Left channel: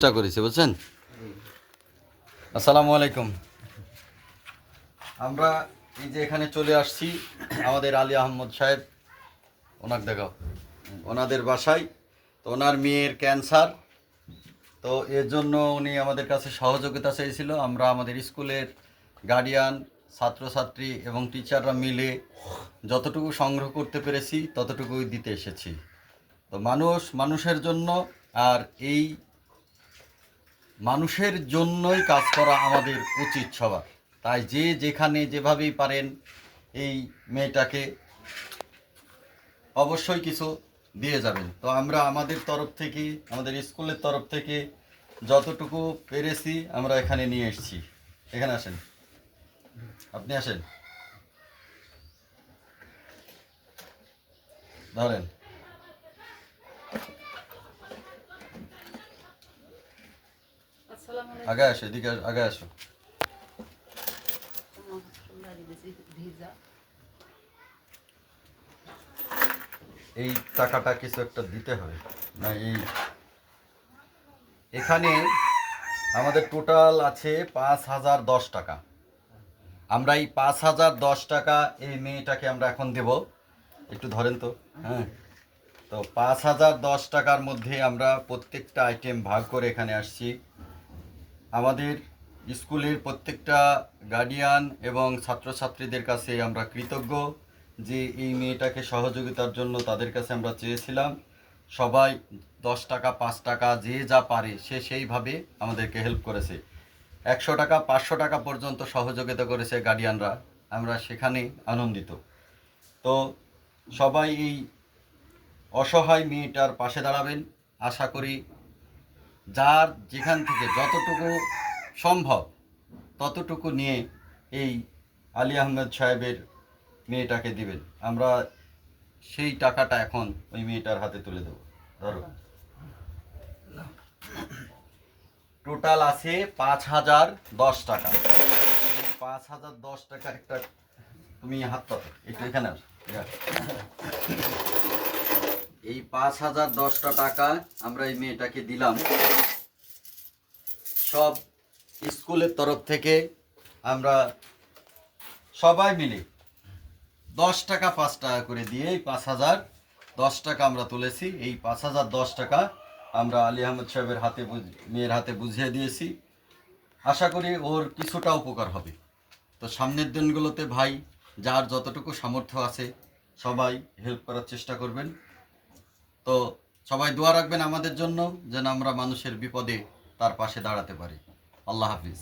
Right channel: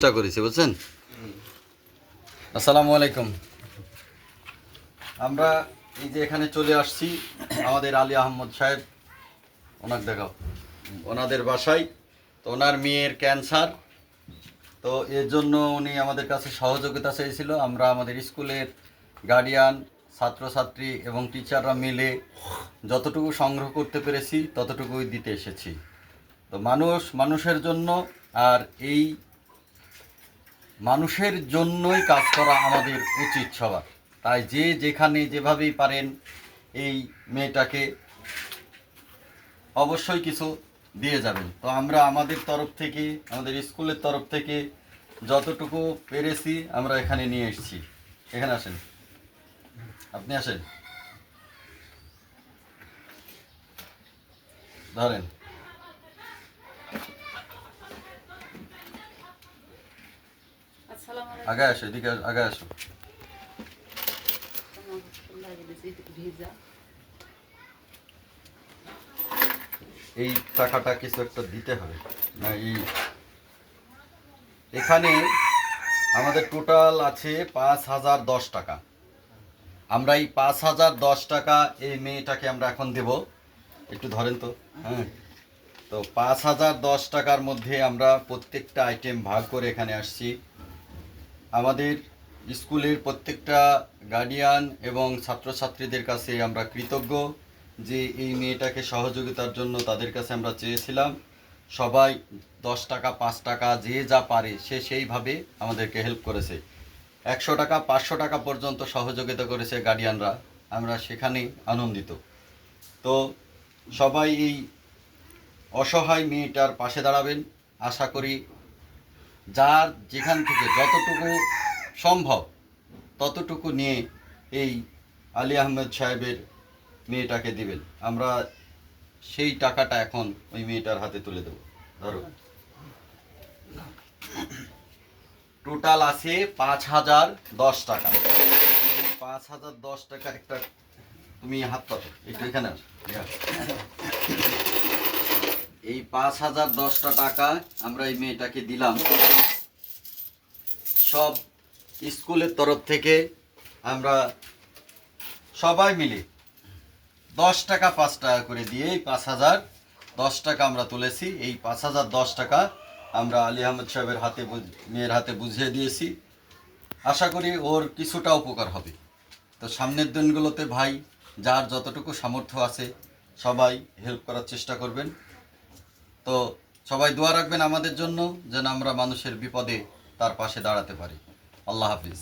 চেষ্টা করেছি বুঝছেন। আসসালামু আলাইকুম। আমরা এই যে এখানে চলে আসছি আমাদের আলী আহমদ সাহেব, ওনাকে দেখাও, ওনাদের বাসায়। তো ওনার মেয়ের ক্যান্সার, তো এর জন্য উনি আমাদের কাছে সহযোগিতা চেয়েছিল। আমরা আমাদের স্কুলের গার্ডিয়ান, ছাত্রছাত্রী এবং টিচাররা মিলে যতটুকু সংগ্রহ করতে পেরেছি ততটুকুই দিতে এসেছি। তো মানুষের জন্য, আর এই মানুষের জন্যই কাজ করা আমাদের উচিত সবার। তাই যে যেখানে যেভাবেই পারেন এই মেয়েটাকে অবশ্যই কিছু দিয়ে যাবেন। তো আমরা আমাদের তরফ থেকে, আমাদের স্কুলের তরফ থেকে যতটুকু পেরেছি আমরা এখানে নিয়ে এসেছি। এখানে আসেন, আপনি আসেন, ধরেন। আগে আসো, এদিকে আগে আসো। এই টাকাটা কিছু একটা দিতে হবে না? এখানে আমাদের টোটাল আছে 5,010 টাকা। আমরা এই 5,010 টাকা এই মেয়েটাকে আমরা এখন দেব। একটু ধরেন তো। হ্যাঁ, তো 5,010 টাকার মধ্যে আমরা প্রত্যেকটা আইটেম ভাগ করে এখানে আসছি। আমাদের স্কুলের প্রত্যেকটা গার্ডিয়ান এবং ছাত্রছাত্রীদের কাছে আমরা কৃতজ্ঞ যে এই মেয়েটাকে সহযোগিতার জন্য তাদের কাছে আমরা চেয়েছিলাম। সবাই 10 টাকা, 5 টাকা, যে যা পারে সে সেইভাবে আমাদেরকে হেল্প করেছে। 100 টাকা, 500 টাকা পর্যন্ত সহযোগিতা করেছে গার্ডিয়ানরা। আমরা সেখানেই আনন্দিত। তো সবাই এই অসহায় মেয়েটার পাশে দাঁড়াবেন। আশা করি যার যেখান থেকে যতটুকু সম্ভব ততটুকু নিয়ে এই আলী আহমেদ সাহেবের মেয়েটাকে দিবেন। আমরা সেই টাকাটা এখন ওই মেয়েটার হাতে তুলে দেব। ধরো, টোটাল আছে 5,010 টাকা। এই 5,010 টাকা একটা, তুমি হাত পাতো একটু, এখানে আস। এই 5,010 টাকা আমরা এই মেয়েটাকে দিলাম। সব স্কুলের তরফ থেকে আমরা সবাই মিলে 10 টাকা 5 টাকা করে দিয়ে এই 5,010 টাকা আমরা তুলেছি। এই 5,010 টাকা আমরা আলী আহমেদ সাহেবের হাতে, মেয়ের হাতে বুঝিয়ে দিয়েছি। আশা করি ওর কিছুটা উপকার হবে। তো সামনের দিনগুলোতে ভাই যার যতটুকু সামর্থ্য আছে সবাই হেল্প করার চেষ্টা করবেন। তো সবাই দোয়া রাখবেন আমাদের জন্য, যেন আমরা মানুষের বিপদে তার পাশে দাঁড়াতে পারি। আল্লাহ হাফিজ।